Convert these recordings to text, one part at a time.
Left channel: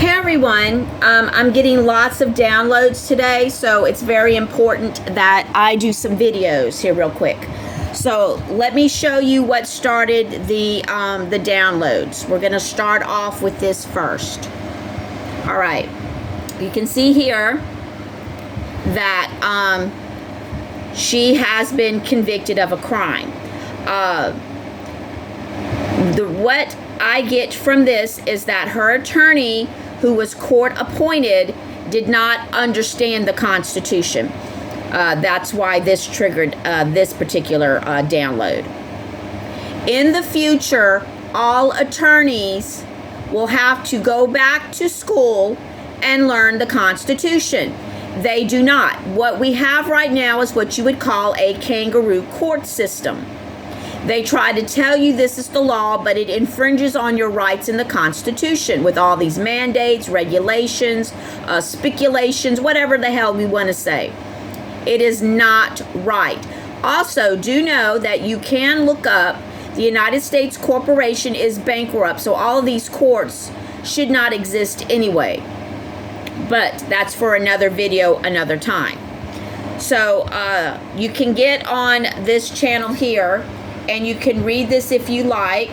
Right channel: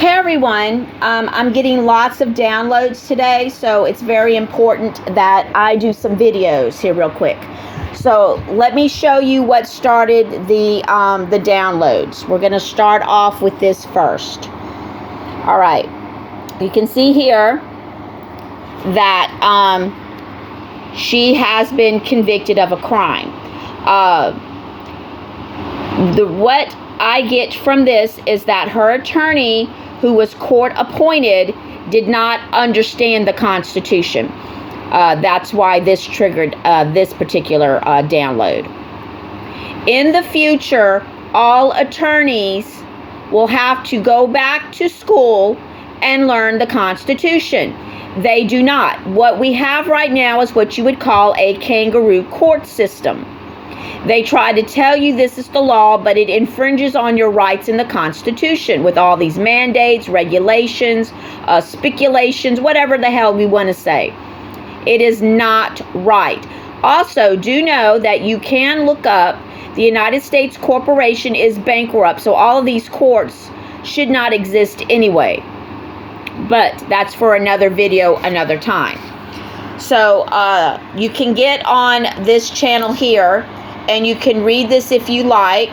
Hey everyone, I'm getting lots of downloads today, so it's very important that I do some videos here real quick. So let me show you what started the downloads. We're going to start off with this first. All right, you can see here that she has been convicted of a crime. What I get from this is that her attorney, who was court appointed, did not understand the Constitution. That's why this triggered this particular download. In the future, all attorneys will have to go back to school and learn the Constitution. They do not. What we have right now is what you would call a kangaroo court system. They try to tell you this is the law, but it infringes on your rights in the Constitution with all these mandates, regulations, speculations, whatever the hell we want to say. It is not right. Also, do know that you can look up the United States Corporation is bankrupt, so all of these courts should not exist anyway. But that's for another video, another time. So you can get on this channel here, and you can read this if you like.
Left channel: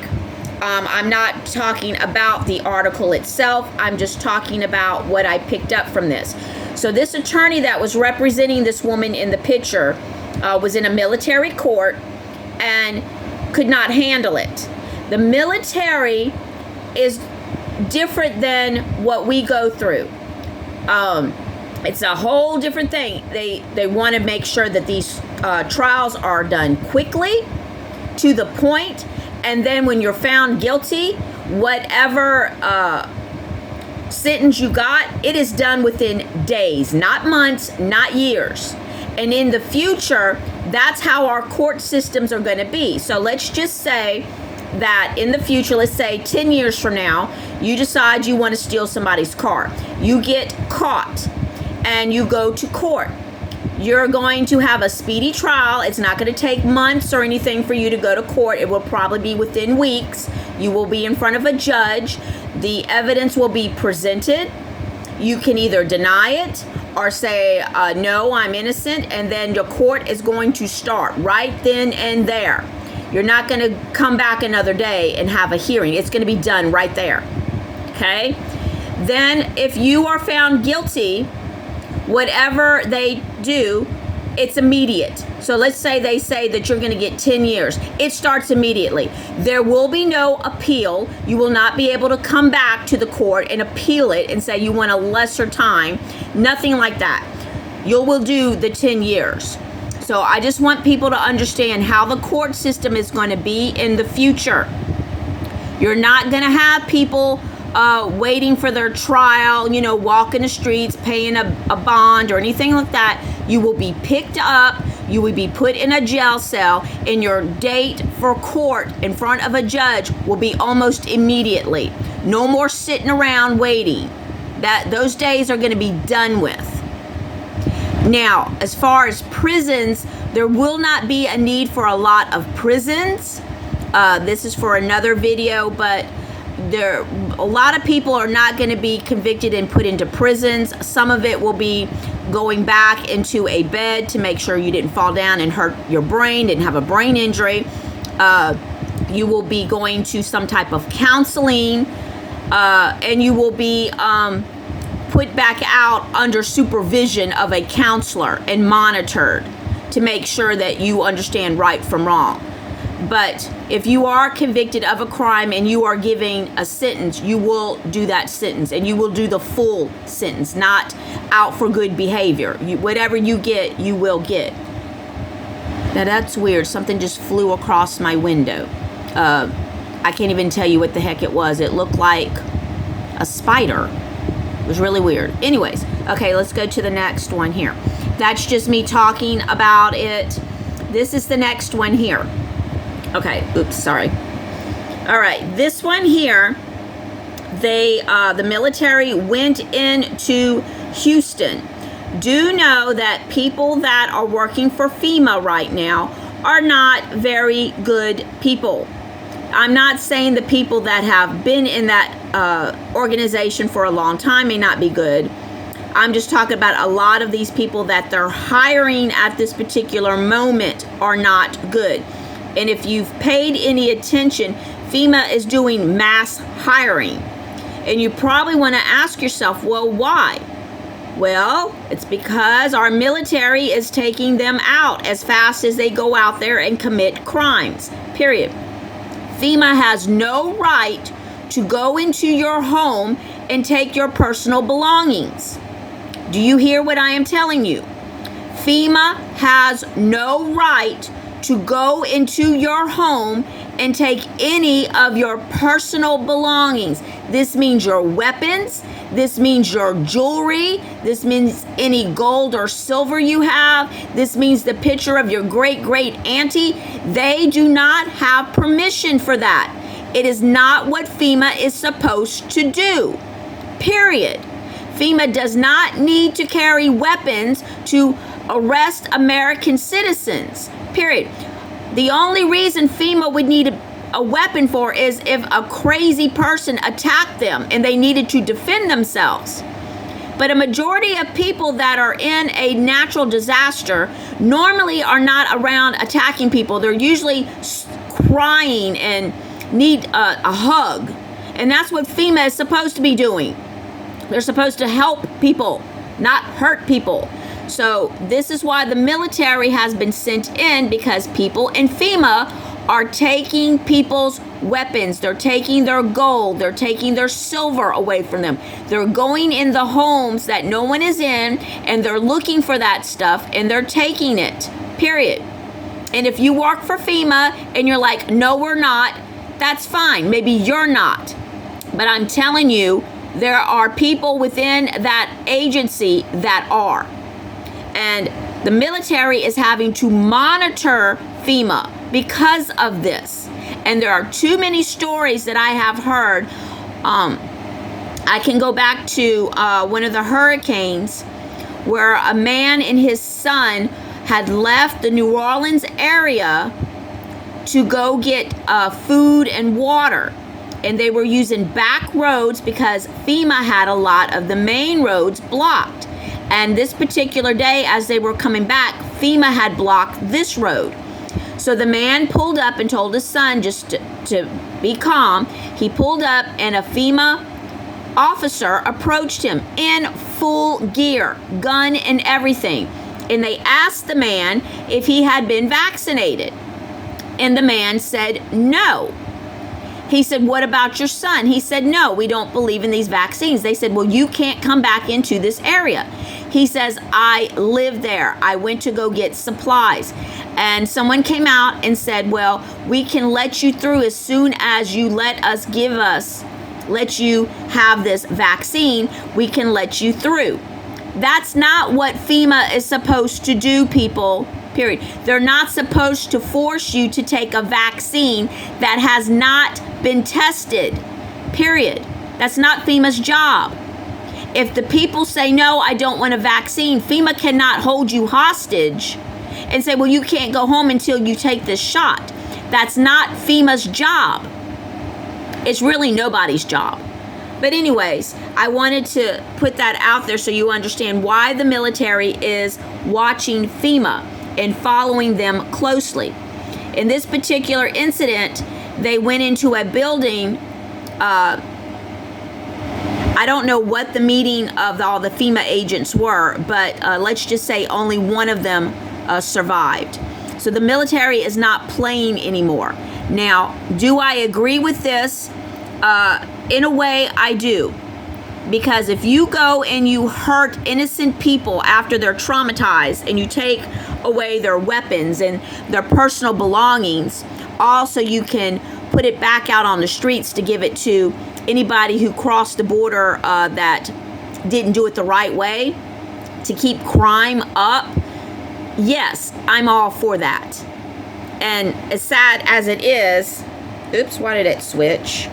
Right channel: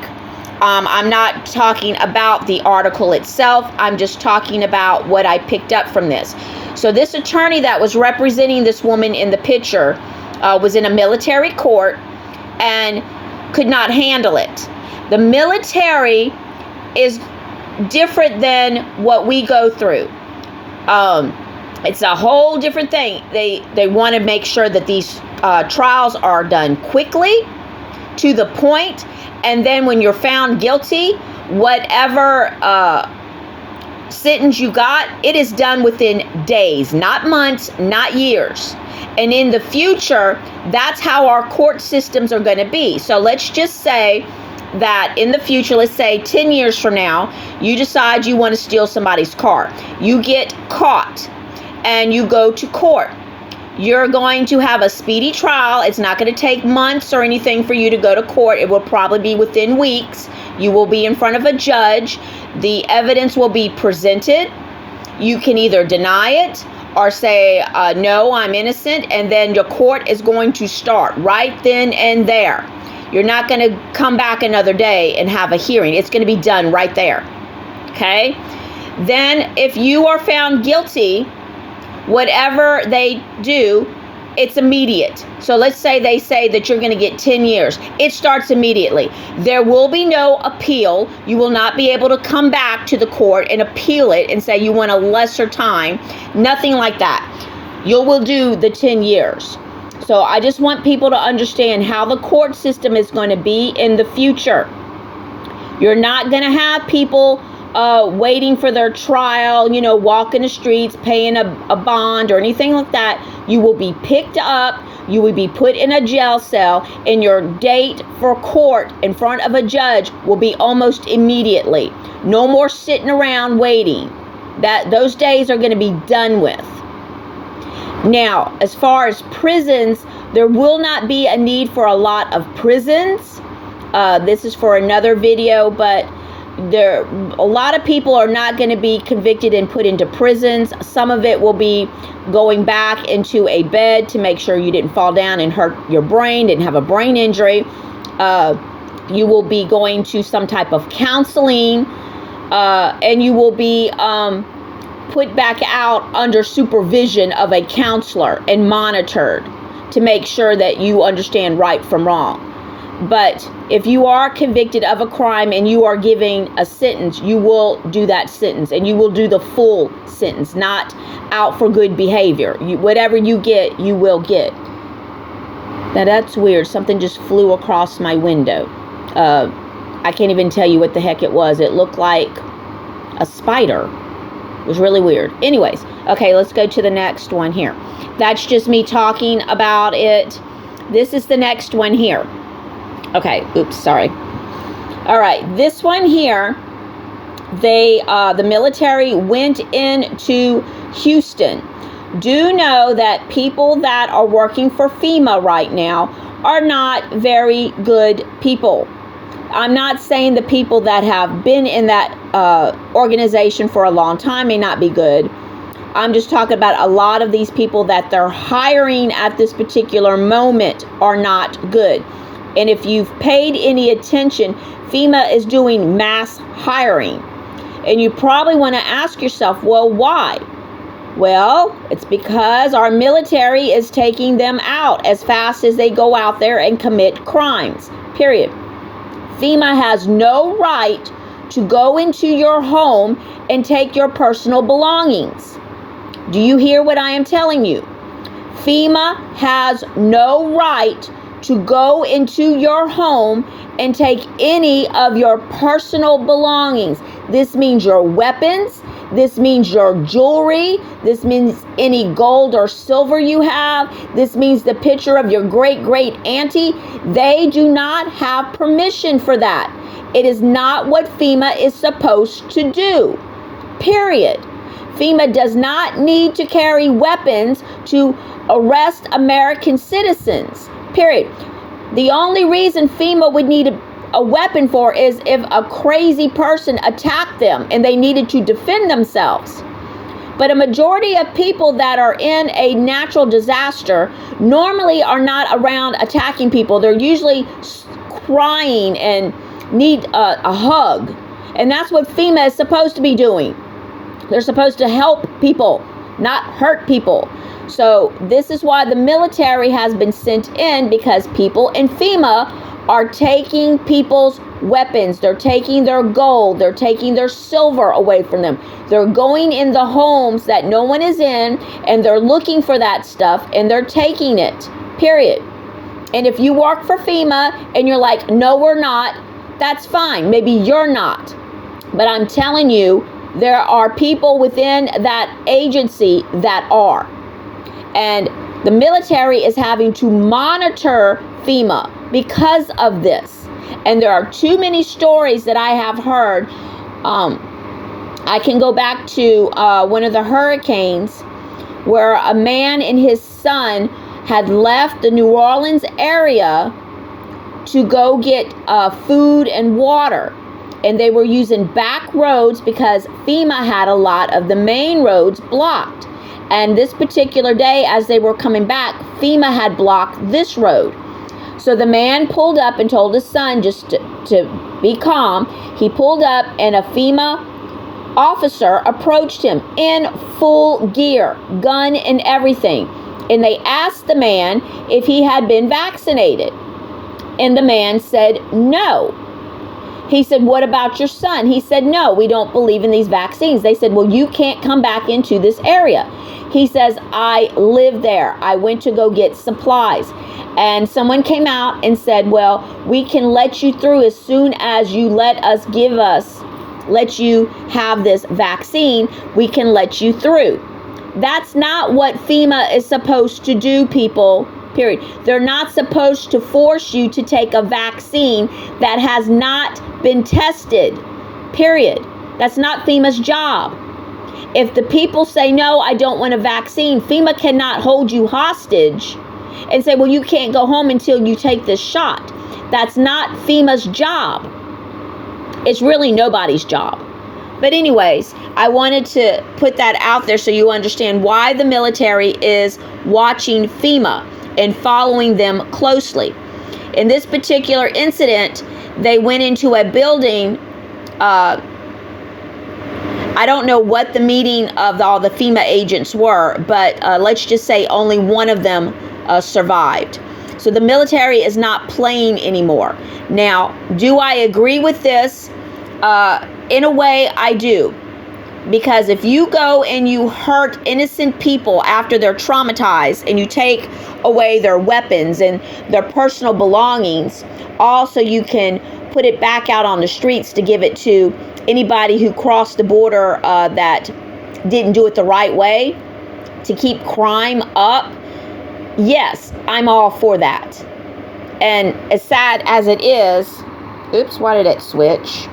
I'm not talking about the article itself. I'm just talking about what I picked up from this. So this attorney that was representing this woman in the picture was in a military court and could not handle it. The military is different than what we go through. It's a whole different thing. They want to make sure that these trials are done quickly, to the point, and then when you're found guilty, whatever sentence you got, it is done within days, not months, not years. And in the future, that's how our court systems are going to be. So let's just say that in the future, let's say 10 years from now, you decide you want to steal somebody's car. You get caught and you go to court. You're going to have a speedy trial. It's not going to take months or anything for you to go to court. It will probably be within weeks. You will be in front of a judge. The evidence will be presented. You can either deny it or say, no, I'm innocent. And then your court is going to start right then and there. You're not going to come back another day and have a hearing. It's going to be done right there. Okay? Then if you are found guilty, whatever they do, it's immediate. So let's say they say that you're going to get 10 years. It starts immediately. There will be no appeal. You will not be able to come back to the court and appeal it and say you want a lesser time. Nothing like that. You will do the 10 years. So I just want people to understand how the court system is going to be in the future. You're not going to have people waiting for their trial, walking the streets, paying a bond or anything like that. You will be picked up, you will be put in a jail cell, and your date for court in front of a judge will be almost immediately. No more sitting around waiting. Those days are going to be done with. Now, as far as prisons, there will not be a need for a lot of prisons. This is for another video, but a lot of people are not going to be convicted and put into prisons. Some of it will be going back into a bed to make sure you didn't fall down and hurt your brain, didn't have a brain injury. You will be going to some type of counseling, and you will be put back out under supervision of a counselor and monitored to make sure that you understand right from wrong. But if you are convicted of a crime and you are giving a sentence, you will do that sentence, and you will do the full sentence, not out for good behavior. Whatever you get, you will get. Now that's weird. Something just flew across my window. I can't even tell you what the heck it was. It looked like a spider. It was really weird. Anyways, okay, let's go to the next one here. That's just me talking about it. This is the next one here. Okay, oops, sorry. All right, this one here, the military went into Houston. Do know that people that are working for FEMA right now are not very good people. I'm not saying the people that have been in that organization for a long time may not be good. I'm just talking about a lot of these people that they're hiring at this particular moment are not good. And if you've paid any attention, FEMA is doing mass hiring. And you probably want to ask yourself, well, why? Well, it's because our military is taking them out as fast as they go out there and commit crimes, period. FEMA has no right to go into your home and take your personal belongings. Do you hear what I am telling you? FEMA has no right to go into your home and take any of your personal belongings. This means your weapons. This means your jewelry. This means any gold or silver you have. This means the picture of your great auntie. They do not have permission for that. It is not what FEMA is supposed to do. Period. FEMA does not need to carry weapons to arrest American citizens. Period. The only reason FEMA would need a weapon for is if a crazy person attacked them and they needed to defend themselves. But a majority of people that are in a natural disaster normally are not around attacking people. They're usually crying and need a hug. And that's what FEMA is supposed to be doing. They're supposed to help people, not hurt people. So this is why the military has been sent in, because people in FEMA are taking people's weapons. They're taking their gold. They're taking their silver away from them. They're going in the homes that no one is in, and they're looking for that stuff, and they're taking it, period. And if you work for FEMA and you're like, no, we're not, that's fine. Maybe you're not. But I'm telling you, there are people within that agency that are. And the military is having to monitor FEMA because of this. And there are too many stories that I have heard. I can go back to one of the hurricanes where a man and his son had left the New Orleans area to go get food and water. And they were using back roads because FEMA had a lot of the main roads blocked. And this particular day, as they were coming back, FEMA had blocked this road. So the man pulled up and told his son just to be calm. He pulled up and a FEMA officer approached him in full gear, gun and everything. And they asked the man if he had been vaccinated. And the man said no. He said, what about your son? He said, no, we don't believe in these vaccines. They said, well, you can't come back into this area. He says, I live there. I went to go get supplies. And someone came out and said, well, we can let you through as soon as you let you have this vaccine. We can let you through. That's not what FEMA is supposed to do, people. Period. They're not supposed to force you to take a vaccine that has not been tested. Period. That's not FEMA's job. If the people say, no, I don't want a vaccine, FEMA cannot hold you hostage and say, well, you can't go home until you take this shot. That's not FEMA's job. It's really nobody's job. But anyways, I wanted to put that out there so you understand why the military is watching FEMA and following them closely. In this particular incident, they went into a building. I don't know what the meeting of all the FEMA agents were, but let's just say only one of them survived. So the military is not playing anymore. Now, do I agree with this? In a way, I do. Because if you go and you hurt innocent people after they're traumatized and you take away their weapons and their personal belongings, also you can put it back out on the streets to give it to anybody who crossed the border that didn't do it the right way, to keep crime up. Yes, I'm all for that. And as sad as it is, oops, why did it switch?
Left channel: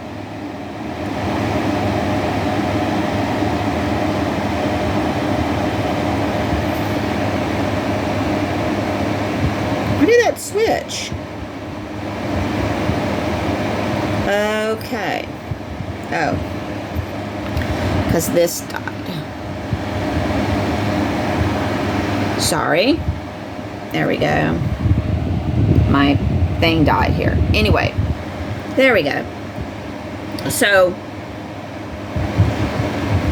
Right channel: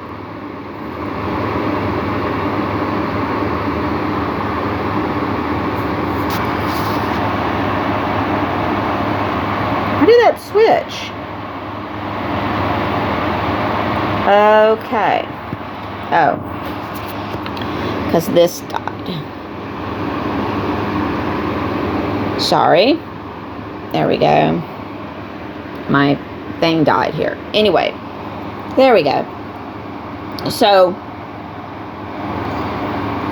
Why did that switch? because this died. Sorry. There we go. My thing died here. Anyway, there we go. So,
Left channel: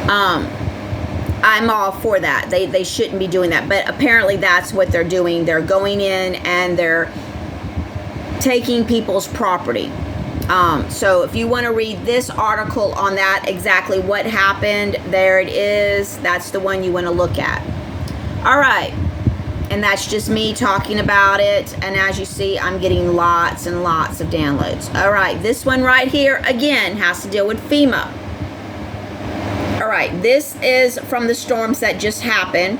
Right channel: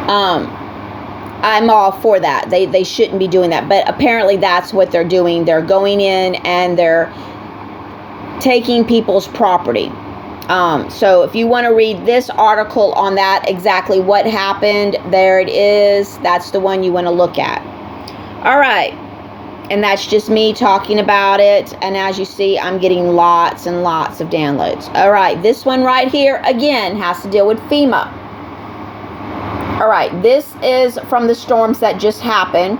I'm all for that. They shouldn't be doing that. But apparently that's what they're doing. They're going in and they're taking people's property. So if you want to read this article on that, exactly what happened, there it is. That's the one you want to look at. All right. And that's just me talking about it. And as you see, I'm getting lots and lots of downloads. All right. This one right here, again, has to deal with FEMA. All right. This is from the storms that just happened.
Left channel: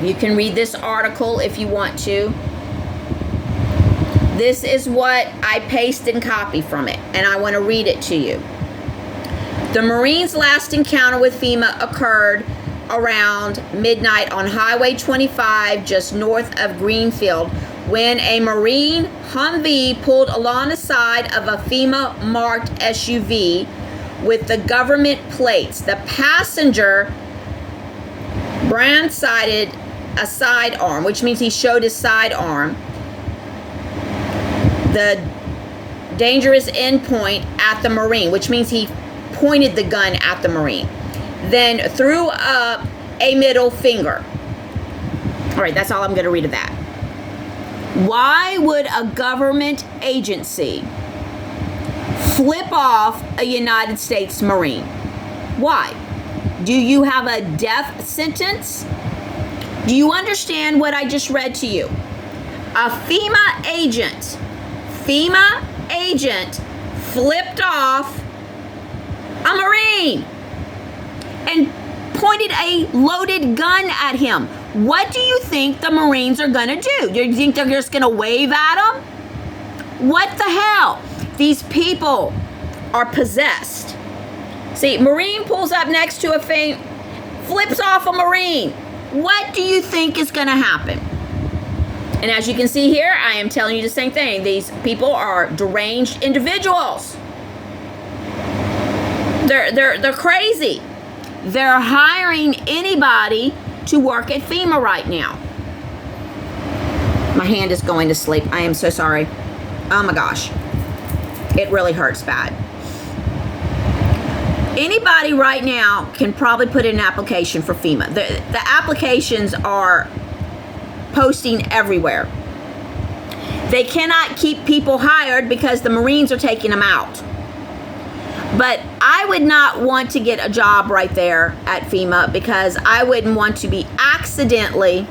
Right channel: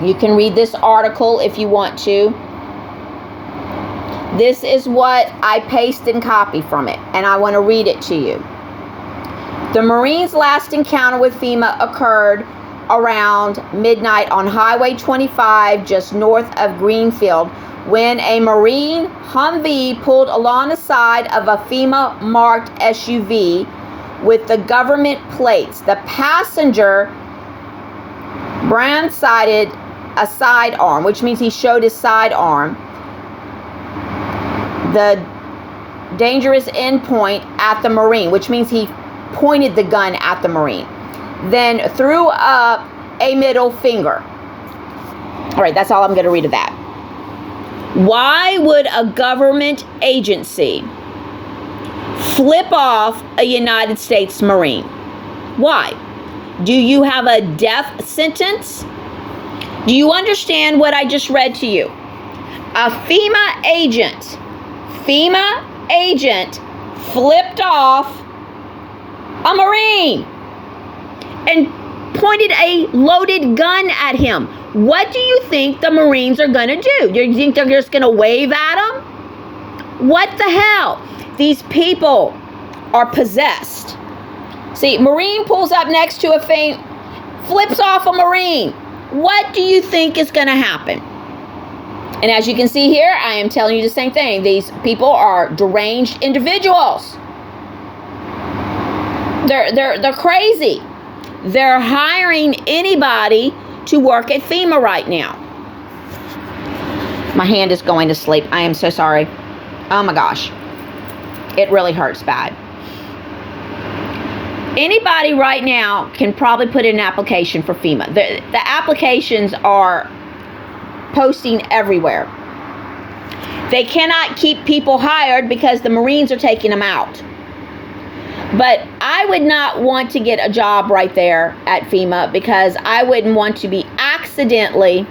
You can read this article if you want to. This is what I paste and copy from it, and I want to read it to you. The Marines' last encounter with FEMA occurred around midnight on Highway 25, just north of Greenfield, when a Marine Humvee pulled along the side of a FEMA-marked SUV with the government plates. The passenger brand-sided a sidearm, which means he showed his sidearm, the dangerous endpoint at the Marine, which means he pointed the gun at the Marine, then threw up a middle finger. All right, that's all I'm going to read of that. Why would a government agency flip off a United States Marine? Why? Do you have a death sentence? Do you understand what I just read to you? A FEMA agent flipped off a Marine and pointed a loaded gun at him. What do you think the Marines are going to do? Do you think they're just going to wave at him? What the hell? These people are possessed. See, Marine pulls up next to a thing, flips off a Marine. What do you think is going to happen? And as you can see here, I am telling you the same thing. These people are deranged individuals. They're crazy. They're hiring anybody to work at FEMA right now. My hand is going to sleep. I am so sorry. Oh my gosh. It really hurts bad. Anybody right now can probably put in an application for FEMA. The applications are posting everywhere. They cannot keep people hired because the Marines are taking them out. But I would not want to get a job right there at FEMA because I wouldn't want to be accidentally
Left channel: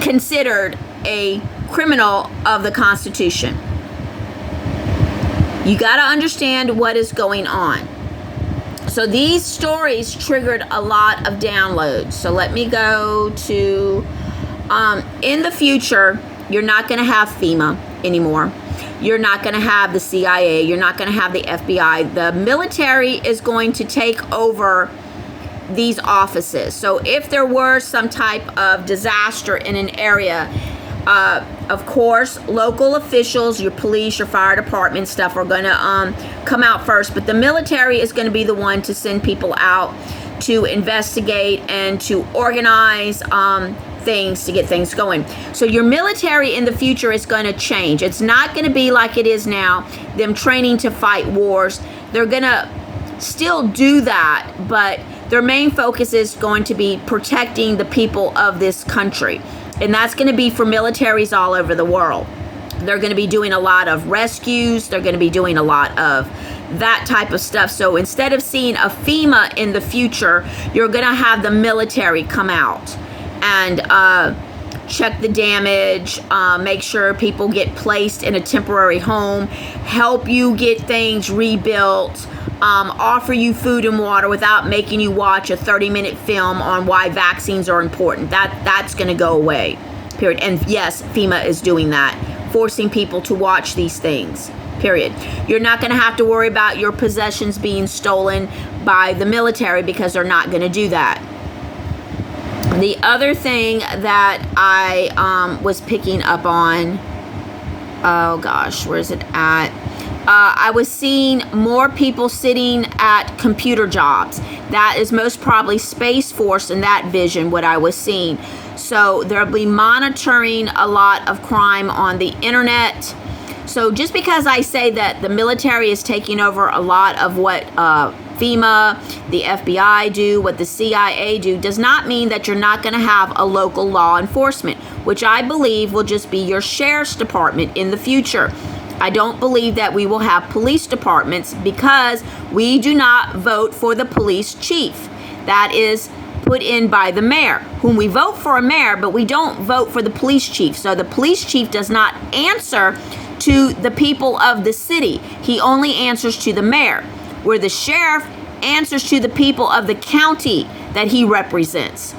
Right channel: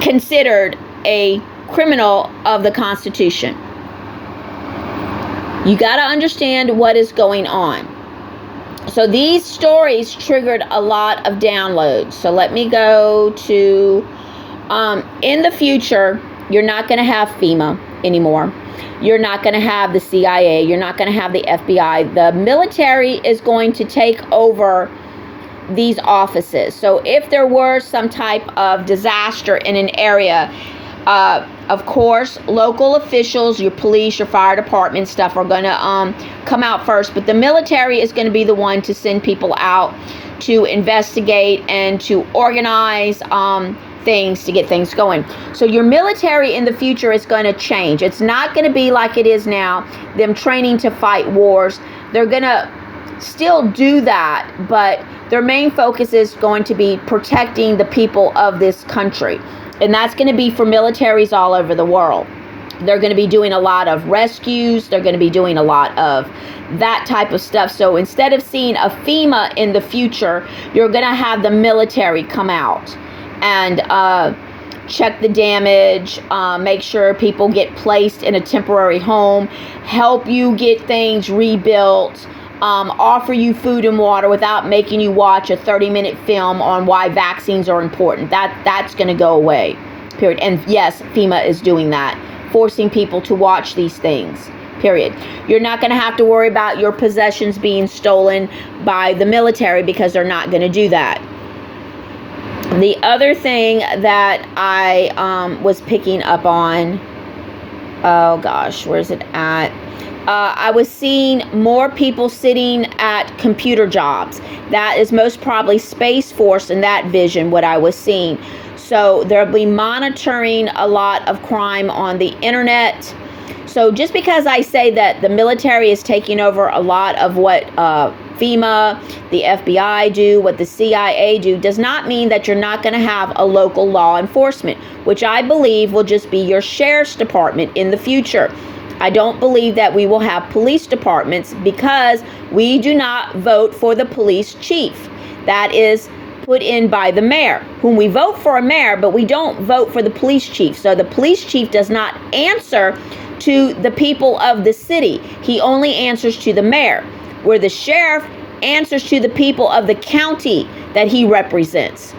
considered a criminal of the Constitution. You got to understand what is going on. So these stories triggered a lot of downloads. So let me go to, in the future, you're not going to have FEMA anymore. You're not going to have the CIA. You're not going to have the FBI. The military is going to take over these offices. So if there were some type of disaster in an area, of course, local officials, your police, your fire department stuff are going to come out first. But the military is going to be the one to send people out to investigate and to organize things to get things going. So your military in the future is going to change. It's not going to be like it is now, them training to fight wars. They're going to still do that, but their main focus is going to be protecting the people of this country. And that's going to be for militaries all over the world. They're going to be doing a lot of rescues. They're going to be doing a lot of that type of stuff. So instead of seeing a FEMA in the future, you're going to have the military come out and check the damage, make sure people get placed in a temporary home, help you get things rebuilt, offer you food and water without making you watch a 30-minute film on why vaccines are important. That's going to go away, period. And yes, FEMA is doing that, forcing people to watch these things, period. You're not going to have to worry about your possessions being stolen by the military because they're not going to do that. The other thing that I was picking up on, oh gosh, where's it at? I was seeing more people sitting at computer jobs. That is most probably Space Force in that vision, what I was seeing. So there'll be monitoring a lot of crime on the internet. So just because I say that the military is taking over a lot of what FEMA, the FBI do, what the CIA do, does not mean that you're not going to have a local law enforcement, which I believe will just be your sheriff's department in the future. I don't believe that we will have police departments because we do not vote for the police chief. That is put in by the mayor, whom we vote for a mayor, but we don't vote for the police chief. So the police chief does not answer to the people of the city. He only answers to the mayor, where the sheriff answers to the people of the county that he represents.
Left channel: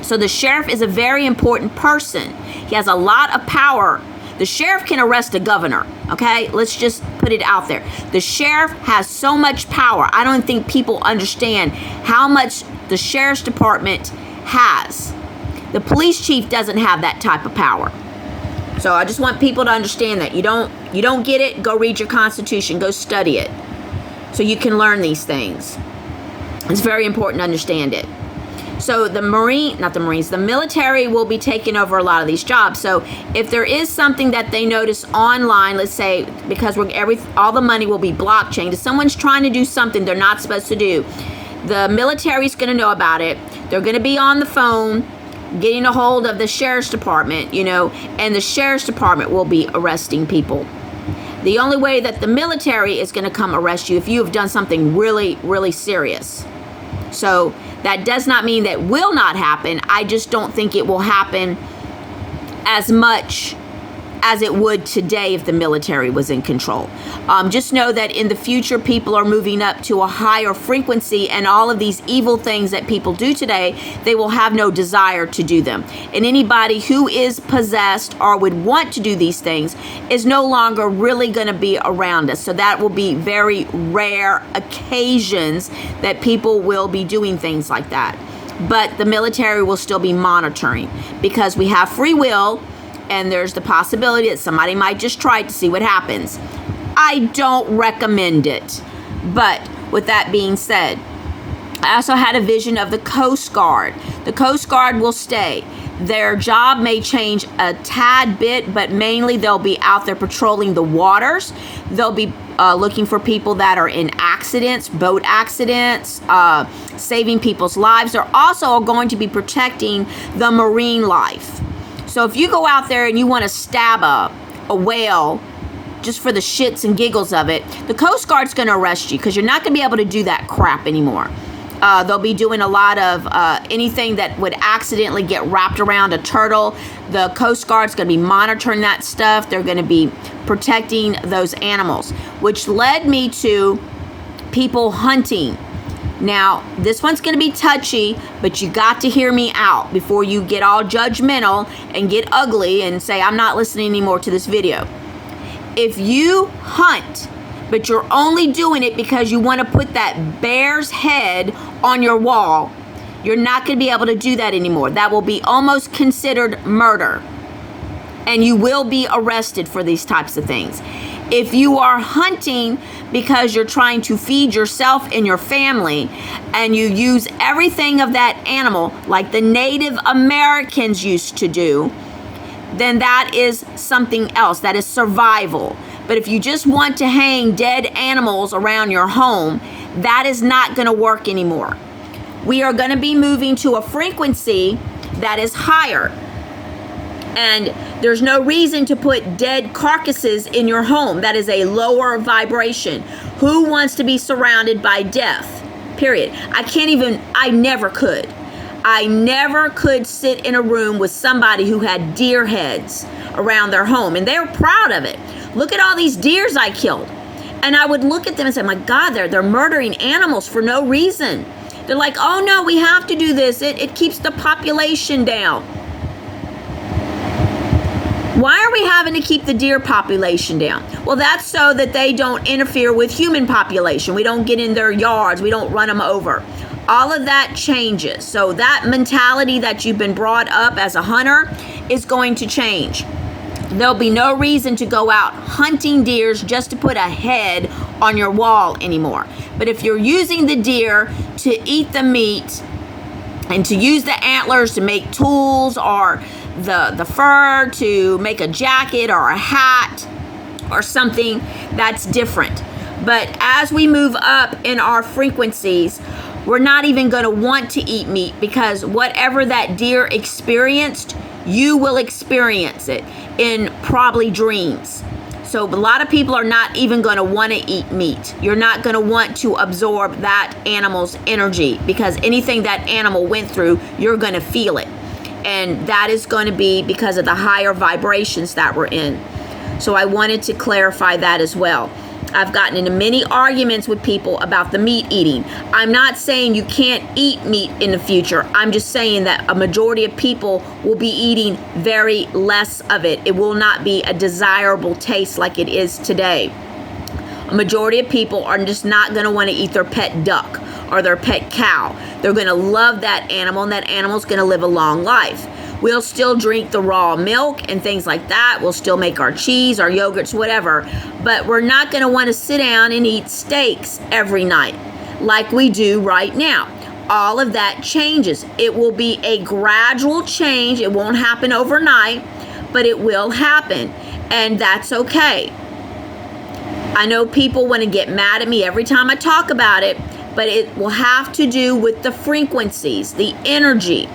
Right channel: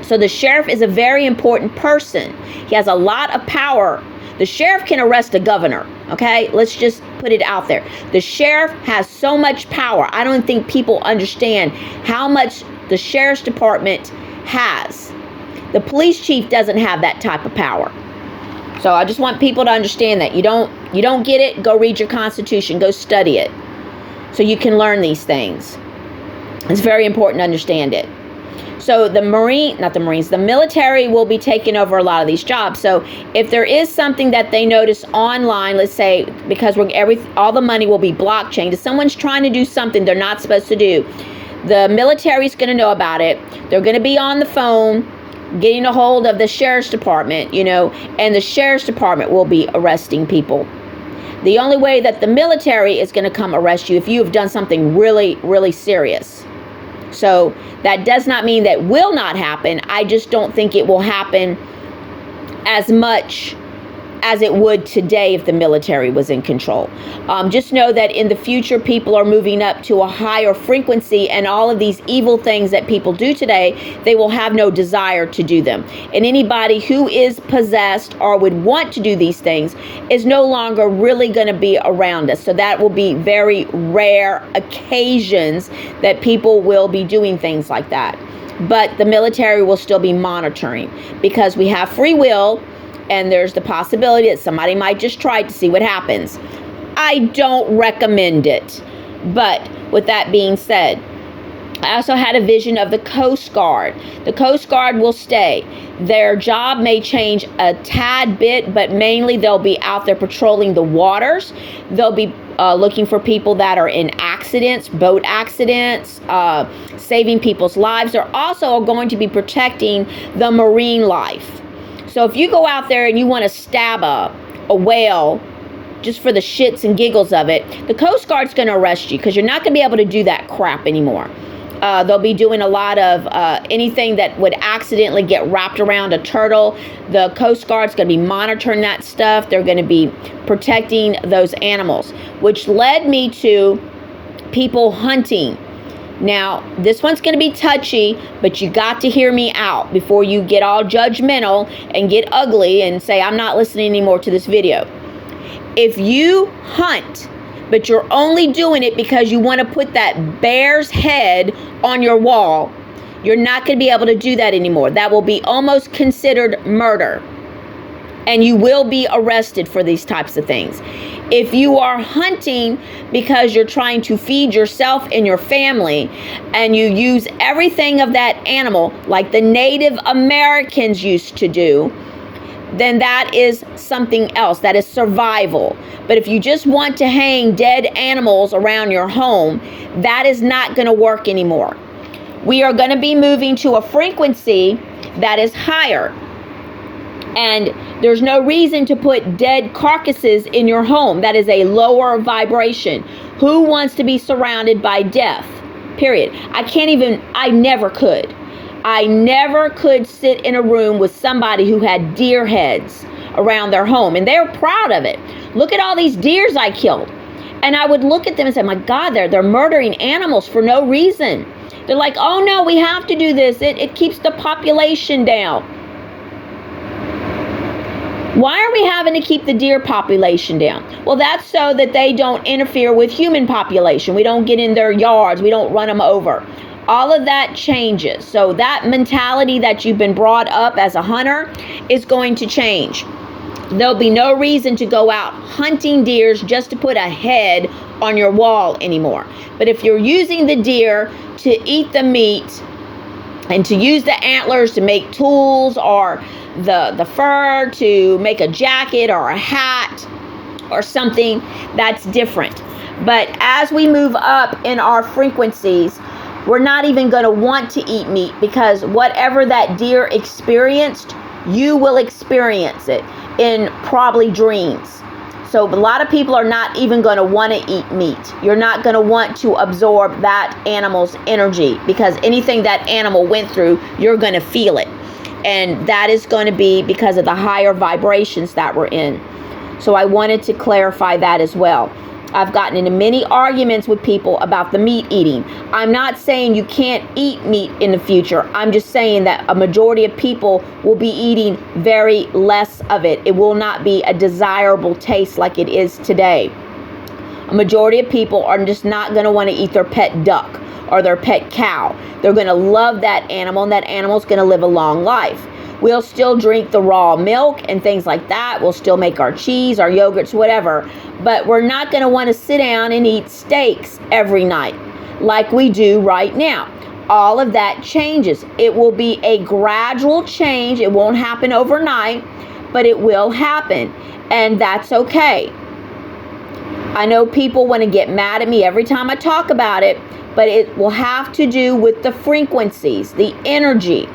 So the sheriff is a very important person. He has a lot of power. The sheriff can arrest a governor, okay? Let's just put it out there. The sheriff has so much power. I don't think people understand how much the sheriff's department has. The police chief doesn't have that type of power. So I just want people to understand that. You don't get it, go read your Constitution, go study it, so you can learn these things. It's very important to understand it. So the military will be taking over a lot of these jobs. So if there is something that they notice online, let's say, because all the money will be blockchain, if someone's trying to do something they're not supposed to do, the military's going to know about it. They're going to be on the phone getting a hold of the sheriff's department, and the sheriff's department will be arresting people. The only way that the military is going to come arrest you if you have done something really, really serious. So that does not mean that will not happen. I just don't think it will happen as much as it would today if the military was in control. Just know that in the future, people are moving up to a higher frequency, and all of these evil things that people do today, they will have no desire to do them. And anybody who is possessed or would want to do these things is no longer really going to be around us. So that will be very rare occasions that people will be doing things like that. But the military will still be monitoring because we have free will. And there's the possibility that somebody might just try to see what happens. I don't recommend it. But with that being said, I also had a vision of the Coast Guard. The Coast Guard will stay. Their job may change a tad bit, but mainly they'll be out there patrolling the waters. They'll be looking for people that are in accidents, boat accidents, saving people's lives. They're also going to be protecting the marine life. So if you go out there and you want to stab a whale just for the shits and giggles of it, the Coast Guard's going to arrest you because you're not going to be able to do that crap anymore. They'll be doing a lot of anything that would accidentally get wrapped around a turtle. The Coast Guard's going to be monitoring that stuff. They're going to be protecting those animals, which led me to people hunting. Now, this one's going to be touchy, but you got to hear me out before you get all judgmental and get ugly and say, I'm not listening anymore to this video. If you hunt, but you're only doing it because you want to put that bear's head on your wall, you're not going to be able to do that anymore. That will be almost considered murder. And you will be arrested for these types of things. If you are hunting because you're trying to feed yourself and your family, and you use everything of that animal like the Native Americans used to do, then that is something else. That is survival. But if you just want to hang dead animals around your home, that is not going to work anymore. We are going to be moving to a frequency that is higher. And there's no reason to put dead carcasses in your home. That is a lower vibration. Who wants to be surrounded by death? Period. I never could. I never could sit in a room with somebody who had deer heads around their home. And they're proud of it. Look at all these deers I killed. And I would look at them and say, my God, they're murdering animals for no reason. They're like, oh no, we have to do this. It keeps the population down. Why are we having to keep the deer population down? Well, that's so that they don't interfere with human population. We don't get in their yards. We don't run them over. All of that changes. So that mentality that you've been brought up as a hunter is going to change. There'll be no reason to go out hunting deers just to put a head on your wall anymore. But if you're using the deer to eat the meat and to use the antlers to make tools, or the fur to make a jacket or a hat or something, that's different. But as we move up in our frequencies, we're not even going to want to eat meat, because whatever that deer experienced, you will experience it in probably dreams. So a lot of people are not even going to want to eat meat. You're not going to want to absorb that animal's energy, because anything that animal went through, you're going to feel it. And that is going to be because of the higher vibrations that we're in. So I wanted to clarify that as well. I've gotten into many arguments with people about the meat eating. I'm not saying you can't eat meat in the future. I'm just saying that a majority of people will be eating very less of it. It will not be a desirable taste like it is today. A majority of people are just not going to want to eat their pet duck or their pet cow. They're going to love that animal, and that animal's going to live a long life. We'll still drink the raw milk and things like that. We'll still make our cheese, our yogurts, whatever. But we're not going to want to sit down and eat steaks every night like we do right now. All of that changes. It will be a gradual change. It won't happen overnight, but it will happen. And that's okay. I know people want to get mad at me every time I talk about it, but it will have to do with the frequencies, the energy.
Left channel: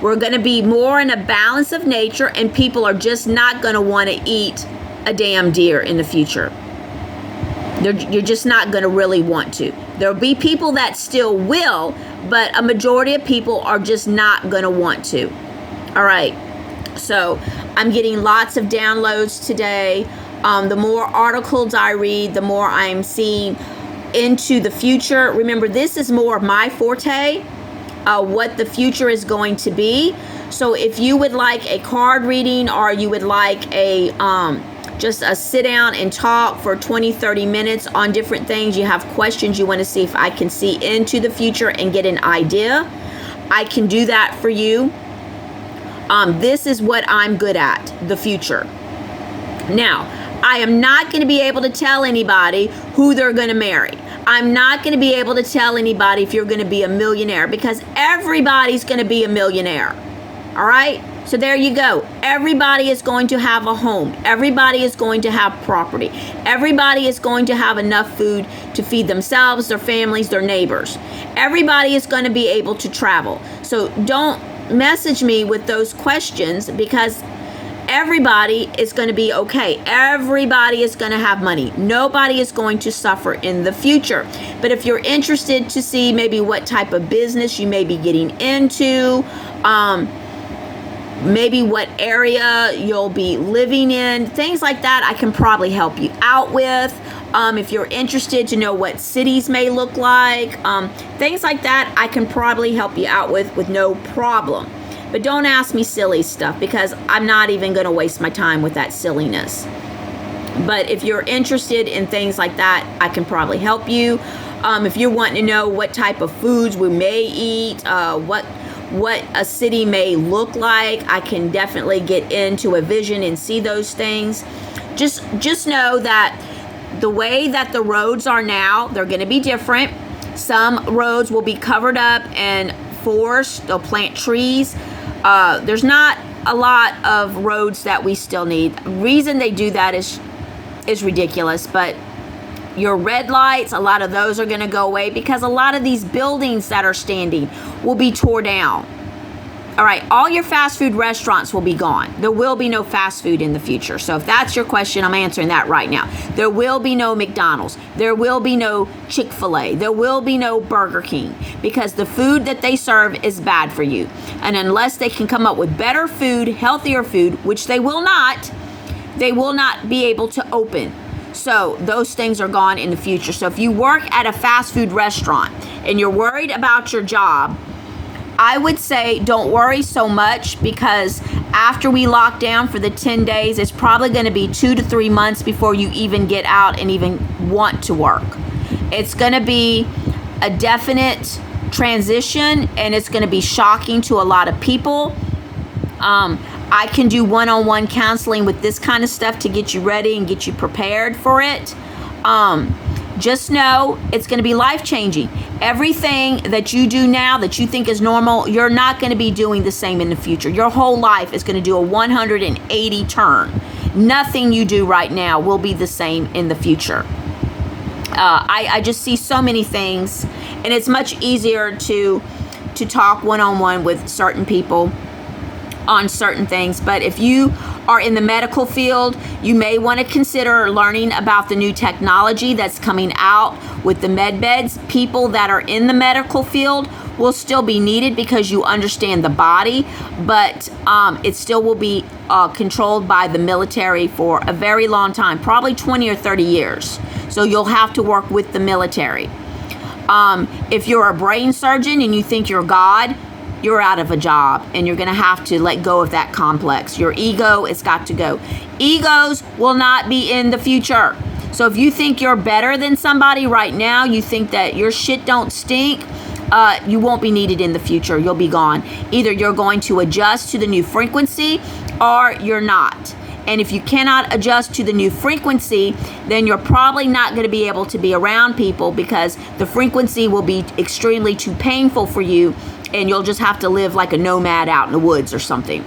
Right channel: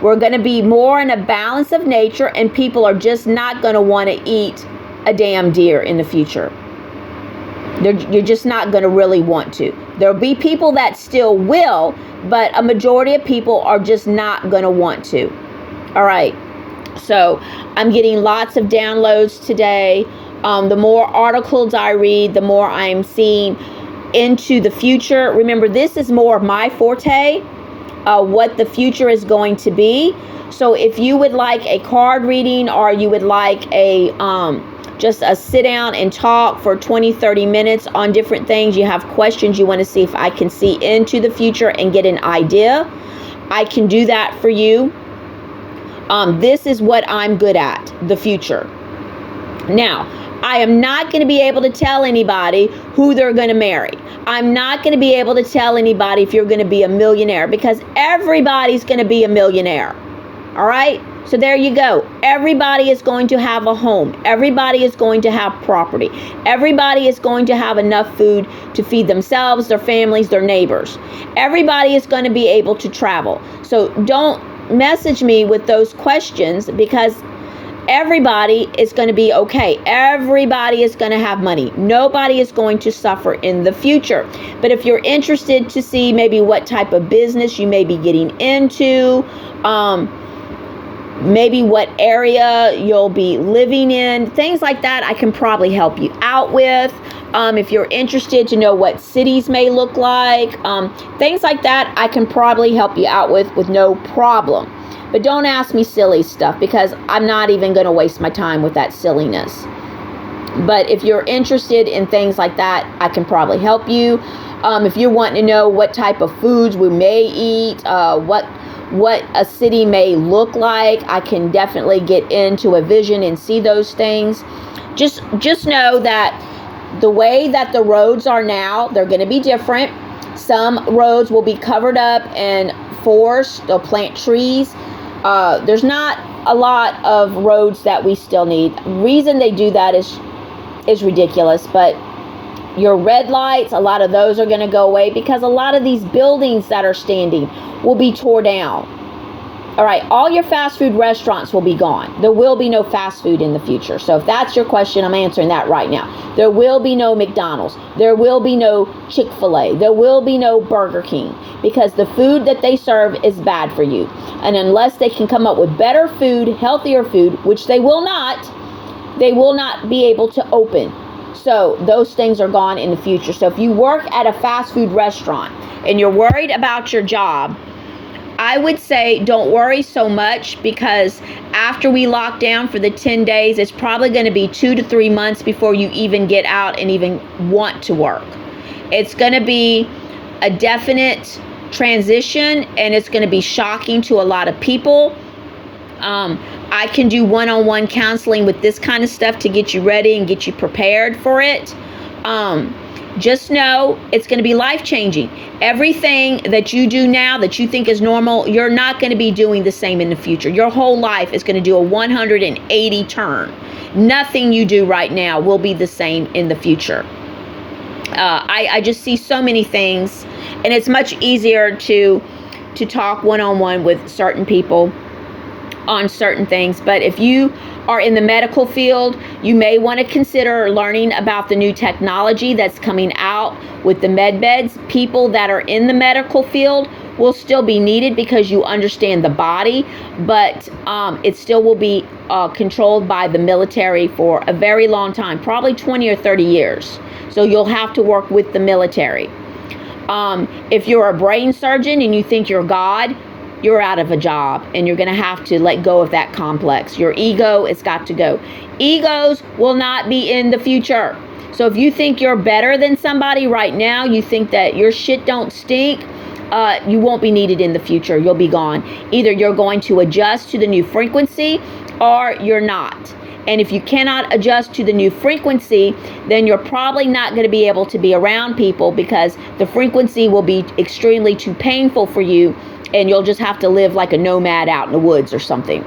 We're going to be more in a balance of nature, and people are just not going to want to eat a damn deer in the future. You're just not going to really want to. There'll be people that still will, but a majority of people are just not going to want to. All right. So I'm getting lots of downloads today. The more articles I read, the more I'm seeing into the future. Remember, this is more of my forte. What the future is going to be. So if you would like a card reading, or you would like a just a sit down and talk for 20-30 minutes on different things, you have questions, you want to see if I can see into the future and get an idea, I can do that for you. This is what I'm good at, the future. Now, I am not going to be able to tell anybody who they're going to marry. I'm not going to be able to tell anybody if you're going to be a millionaire, because everybody's going to be a millionaire. All right? So there you go. Everybody is going to have a home. Everybody is going to have property. Everybody is going to have enough food to feed themselves, their families, their neighbors. Everybody is going to be able to travel. So don't message me with those questions, because everybody is going to be okay. Everybody is going to have money. Nobody is going to suffer in the future. But if you're interested to see maybe what type of business you may be getting into, maybe what area you'll be living in, things like that, I can probably help you out with. If you're interested to know what cities may look like, things like that, I can probably help you out with no problem. But don't ask me silly stuff, because I'm not even going to waste my time with that silliness. But if you're interested in things like that, I can probably help you. If you're wanting to know what type of foods we may eat, what a city may look like, I can definitely get into a vision and see those things. Just know that the way that the roads are now, they're going to be different. Some roads will be covered up and forest. They'll plant trees. There's not a lot of roads that we still need. The reason they do that is ridiculous, but your red lights, a lot of those are going to go away, because a lot of these buildings that are standing will be tore down. All right, all your fast food restaurants will be gone. There will be no fast food in the future. So if that's your question, I'm answering that right now. There will be no McDonald's. There will be no Chick-fil-A. There will be no Burger King, because the food that they serve is bad for you. And unless they can come up with better food, healthier food, which they will not be able to open. So those things are gone in the future. So if you work at a fast food restaurant and you're worried about your job, I would say don't worry so much, because after we lock down for the 10 days, it's probably going to be 2 to 3 months before you even get out and even want to work. It's going to be a definite transition, and it's going to be shocking to a lot of people. I can do one-on-one counseling with this kind of stuff to get you ready and get you prepared for it. Just know it's going to be life-changing. Everything that you do now that you think is normal, you're not going to be doing the same in the future. Your whole life is going to do a 180 turn. Nothing you do right now will be the same in the future. I just see so many things, and it's much easier to talk one-on-one with certain people on certain things. But if you are in the medical field, you may want to consider learning about the new technology that's coming out with the med beds. People that are in the medical field will still be needed because you understand the body, but it still will be controlled by the military for a very long time, probably 20 or 30 years. So you'll have to work with the military. If you're a brain surgeon and you think you're God, you're out of a job, and you're going to have to let go of that complex. Your ego has got to go. Egos will not be in the future. So if you think you're better than somebody right now, you think that your shit don't stink, you won't be needed in the future. You'll be gone. Either you're going to adjust to the new frequency or you're not. And if you cannot adjust to the new frequency, then you're probably not going to be able to be around people because the frequency will be extremely too painful for you, and you'll just have to live like a nomad out in the woods or something.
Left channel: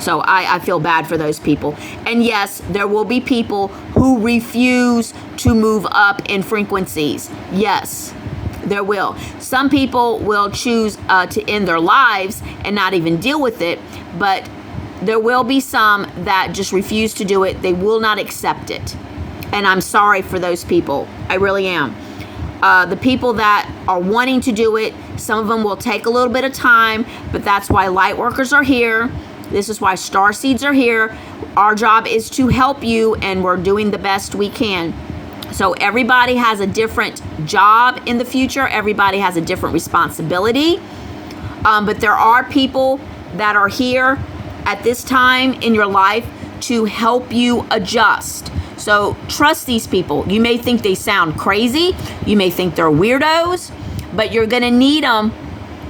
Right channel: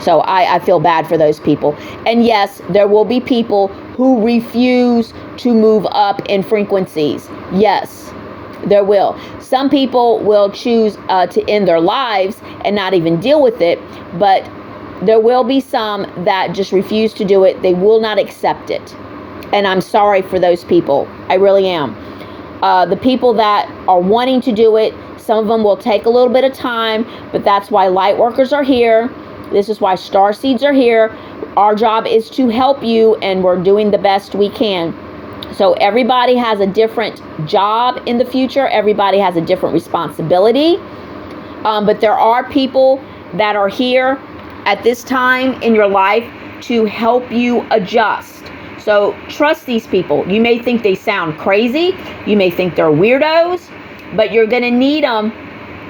So I feel bad for those people. And yes, there will be people who refuse to move up in frequencies. Yes, there will. Some people will choose to end their lives and not even deal with it, but there will be some that just refuse to do it. They will not accept it. And I'm sorry for those people. I really am. The people that are wanting to do it, some of them will take a little bit of time, but that's why light workers are here. This is why star seeds are here. Our job is to help you, and we're doing the best we can. So everybody has a different job in the future. Everybody has a different responsibility. But there are people that are here at this time in your life to help you adjust. So trust these people. You may think they sound crazy. You may think they're weirdos, but you're going to need them.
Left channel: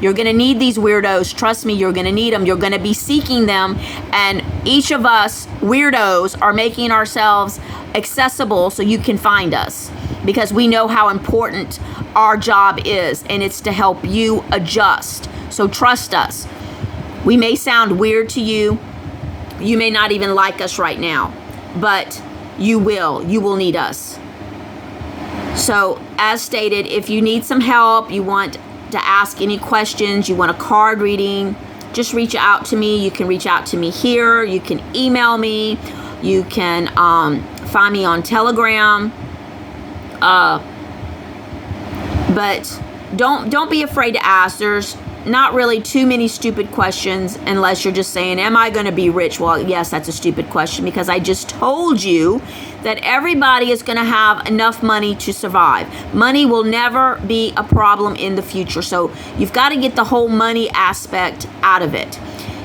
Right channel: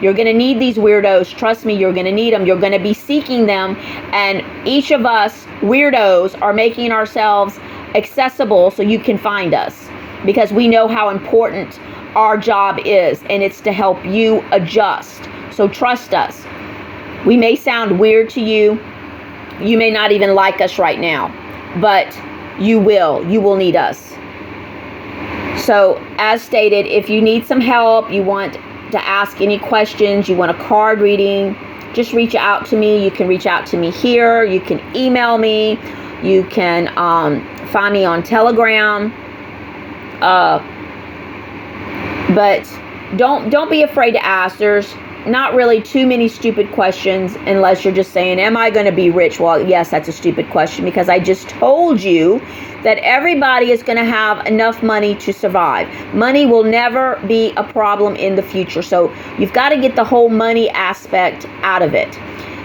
You're going to need these weirdos. Trust me, you're going to need them. You're going to be seeking them. And each of us weirdos are making ourselves accessible so you can find us, because we know how important our job is, and it's to help you adjust. So trust us. We may sound weird to you. You may not even like us right now, but you will need us. So as stated, if you need some help, you want to ask any questions, you want a card reading, just reach out to me. You can reach out to me here. You can email me. You can find me on Telegram. But don't be afraid to ask. There's not really too many stupid questions unless you're just saying, am I going to be rich? Well, yes, that's a stupid question, because I just told you that everybody is going to have enough money to survive. Money will never be a problem in the future. So you've got to get the whole money aspect out of it.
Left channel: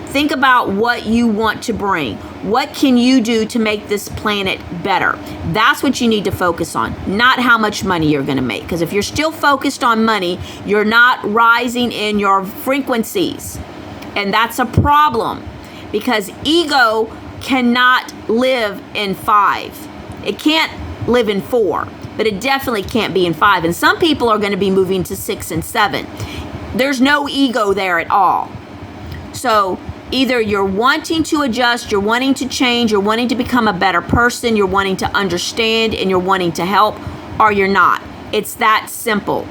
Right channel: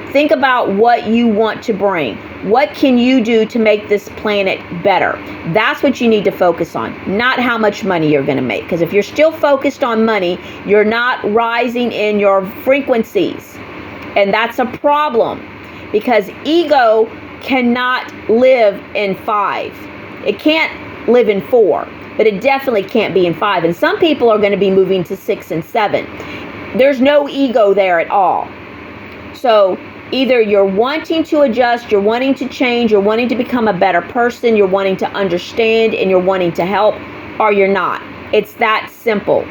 Think about what you want to bring. What can you do to make this planet better? That's what you need to focus on, not how much money you're going to make. Because if you're still focused on money, you're not rising in your frequencies. And that's a problem, because ego cannot live in 5. It can't live in 4, but it definitely can't be in 5. And some people are going to be moving to 6 and 7. There's no ego there at all. So either you're wanting to adjust, you're wanting to change, you're wanting to become a better person, you're wanting to understand, and you're wanting to help, or you're not. It's that simple.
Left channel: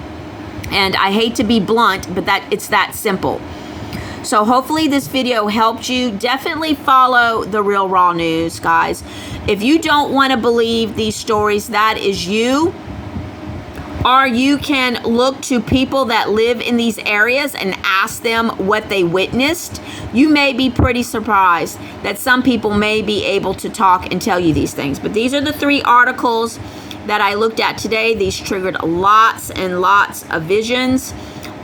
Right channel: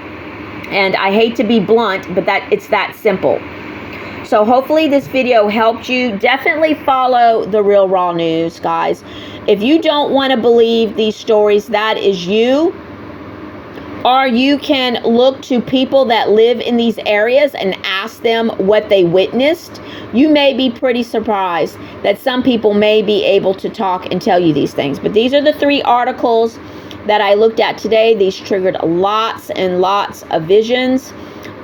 And I hate to be blunt, but it's that simple. So hopefully this video helped you. Definitely follow the Real Raw News, guys. If you don't want to believe these stories, that is you. Or you can look to people that live in these areas and ask them what they witnessed. You may be pretty surprised that some people may be able to talk and tell you these things. But these are the 3 articles that I looked at today. These triggered lots and lots of visions,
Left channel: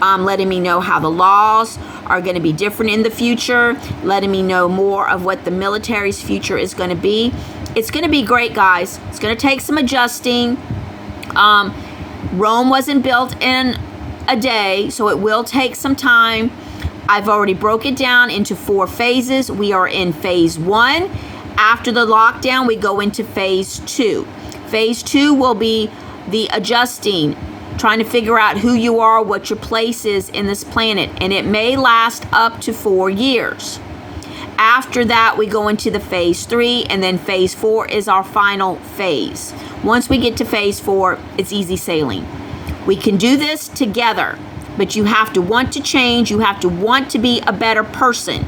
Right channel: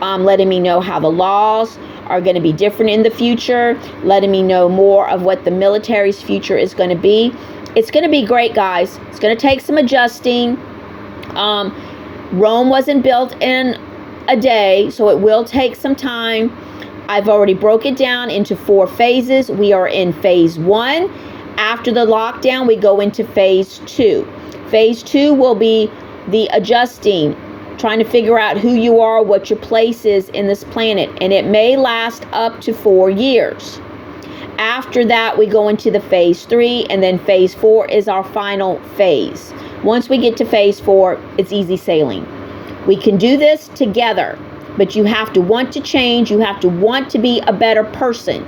letting me know how the laws are going to be different in the future, letting me know more of what the military's future is going to be. It's going to be great, guys. It's going to take some adjusting. Rome wasn't built in a day, so it will take some time. I've already broke it down into 4 phases. We are in phase 1. After the lockdown, we go into phase 2. Phase 2 will be the adjusting, trying to figure out who you are, what your place is in this planet, and it may last up to 4 years. After that, we go into the phase 3, and then phase 4 is our final phase. Once we get to phase 4, it's easy sailing. We can do this together, but you have to want to change. You have to want to be a better person.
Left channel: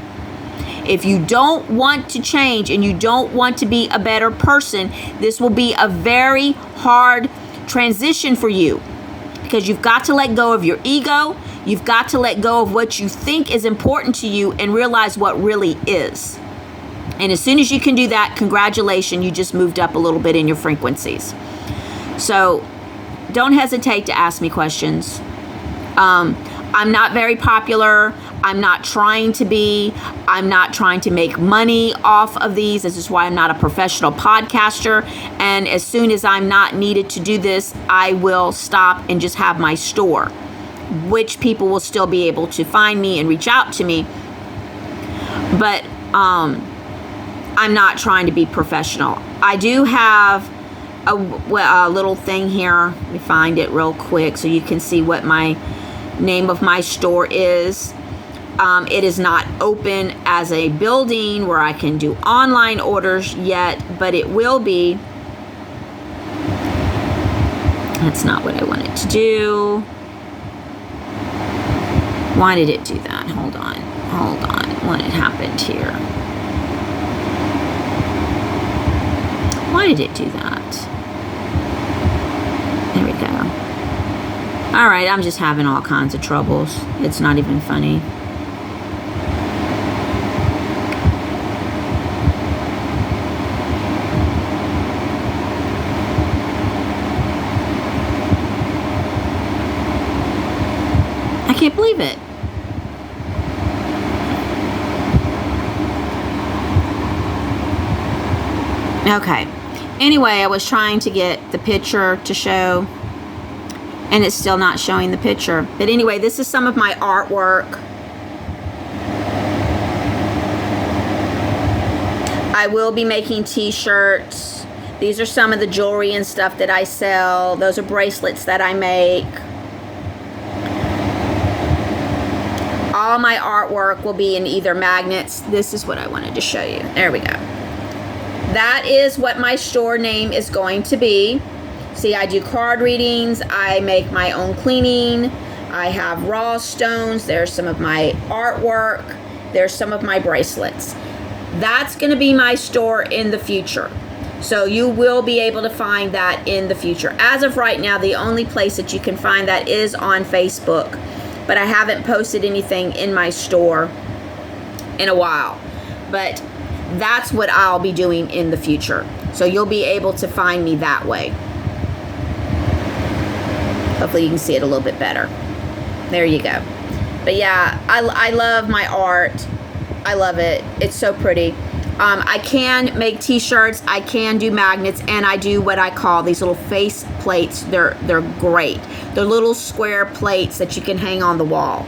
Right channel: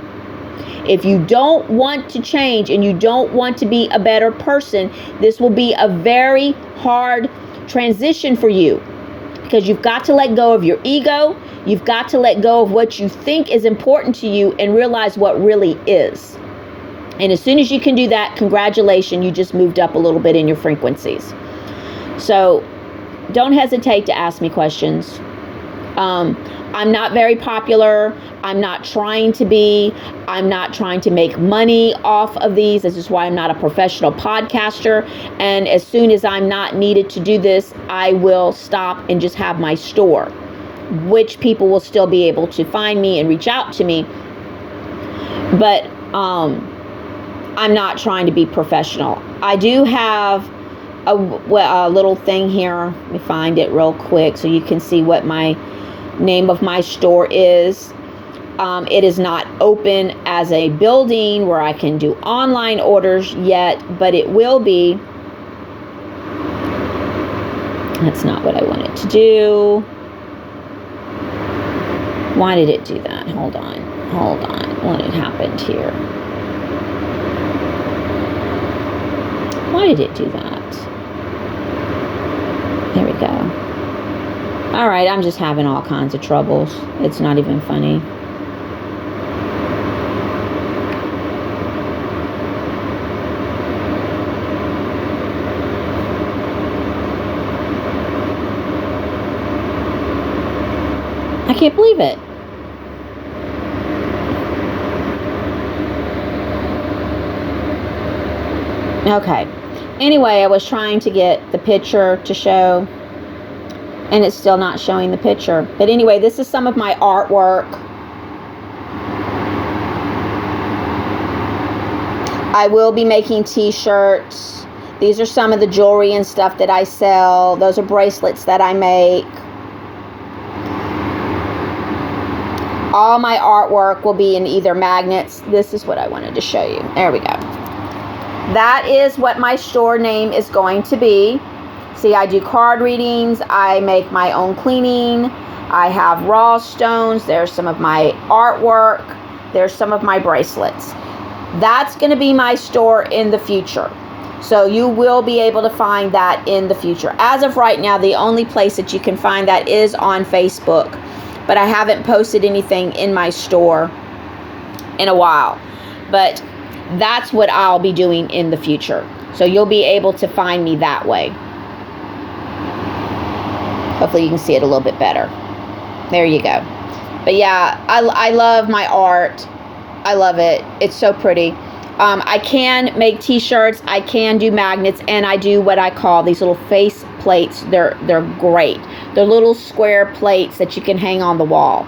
If you don't want to change and you don't want to be a better person, this will be a very hard transition for you, because you've got to let go of your ego. You've got to let go of what you think is important to you and realize what really is. And as soon as you can do that, congratulations, you just moved up a little bit in your frequencies. So don't hesitate to ask me questions. I'm not very popular. I'm not trying to be. I'm not trying to make money off of these. This is why I'm not a professional podcaster. And as soon as I'm not needed to do this, I will stop and just have my store, which people will still be able to find me and reach out to me. But I'm not trying to be professional. I do have a little thing here. Let me find it real quick so you can see what my name of my store is. It is not open as a building where I can do online orders yet, but it will be. That's not what I wanted to do. Why did it do that? Hold on. What had happened here? Why did it do that? There we go. All right, I'm just having all kinds of troubles. It's not even funny. I can't believe it. Okay. Anyway, I was trying to get the picture to show, and it's still not showing the picture. But anyway, this is some of my artwork. I will be making t-shirts. These are some of the jewelry and stuff that I sell. Those are bracelets that I make. All my artwork will be in either magnets. This is what I wanted to show you. There we go. That is what my store name is going to be. See, I do card readings. I make my own cleaning. I have raw stones. There's some of my artwork. There's some of my bracelets. That's going to be my store in the future. So you will be able to find that in the future. As of right now, the only place that you can find that is on Facebook. But I haven't posted anything in my store in a while. But that's what I'll be doing in the future. So you'll be able to find me that way. Hopefully you can see it a little bit better. There you go. But yeah, I love my art. I love it. It's so pretty. I can make t-shirts. I can do magnets, and I do what I call these little face plates. They're great. They're little square plates that you can hang on the wall.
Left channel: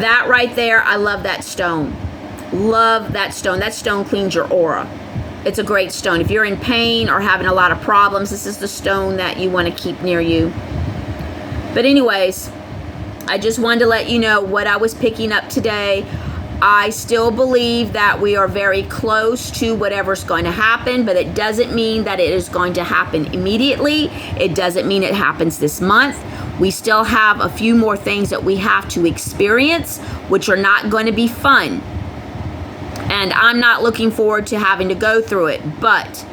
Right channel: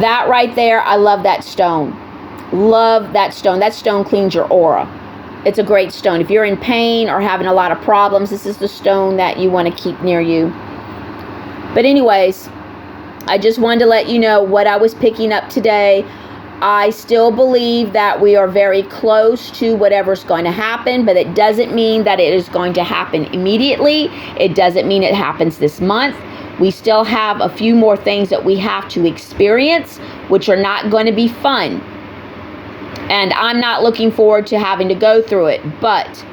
That right there, I love that stone. Love that stone. That stone cleans your aura. It's a great stone. If you're in pain or having a lot of problems, this is the stone that you want to keep near you. But anyways, I just wanted to let you know what I was picking up today. I still believe that we are very close to whatever's going to happen, but it doesn't mean that it is going to happen immediately. It doesn't mean it happens this month. We still have a few more things that we have to experience, which are not going to be fun. And I'm not looking forward to having to go through it, but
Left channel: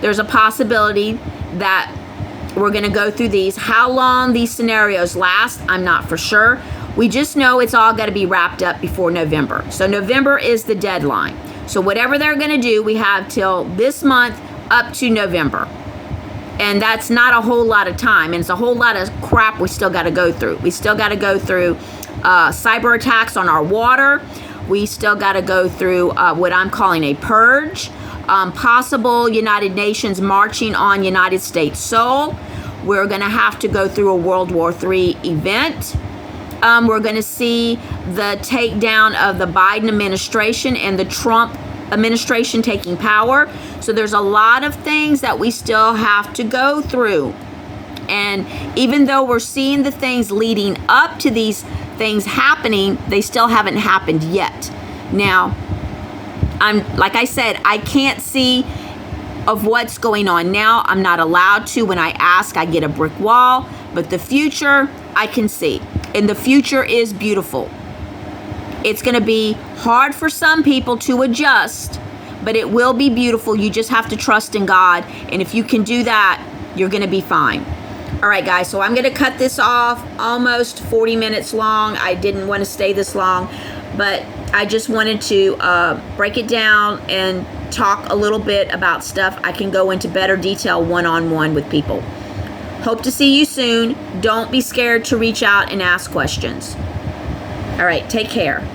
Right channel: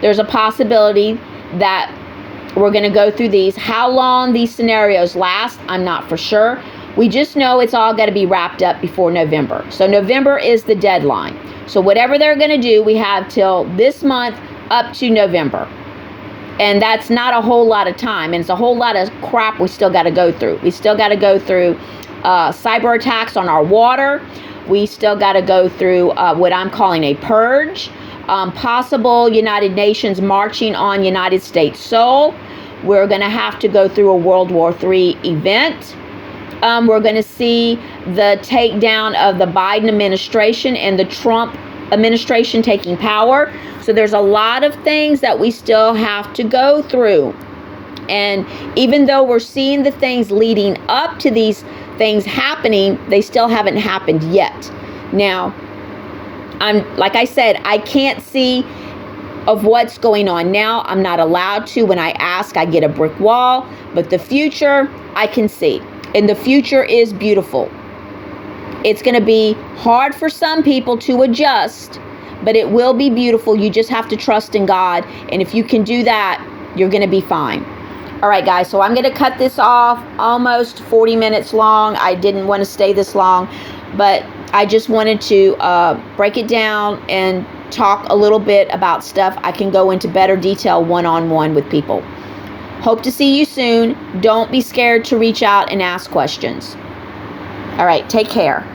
there's a possibility that we're going to go through these. How long these scenarios last, I'm not for sure. We just know it's all got to be wrapped up before November. So November is the deadline. So whatever they're going to do, we have till this month up to November. And that's not a whole lot of time. And it's a whole lot of crap we still got to go through. We still got to go through cyber attacks on our water. We still got to go through what I'm calling a purge. Possible United Nations marching on United States soil. We're going to have to go through a World War III event. We're going to see the takedown of the Biden administration and the Trump administration taking power. So there's a lot of things that we still have to go through. And even though we're seeing the things leading up to these things happening, they still haven't happened yet. Now, like I said, I can't see of what's going on now. I'm not allowed to. When I ask, I get a brick wall. But the future, I can see. And the future is beautiful. It's going to be hard for some people to adjust, but it will be beautiful. You just have to trust in God. And if you can do that, you're going to be fine. All right, guys, so I'm going to cut this off, almost 40 minutes long. I didn't want to stay this long, but I just wanted to break it down and talk a little bit about stuff. I can go into better detail one-on-one with people. Hope to see you soon. Don't be scared to reach out and ask questions. All right, take care.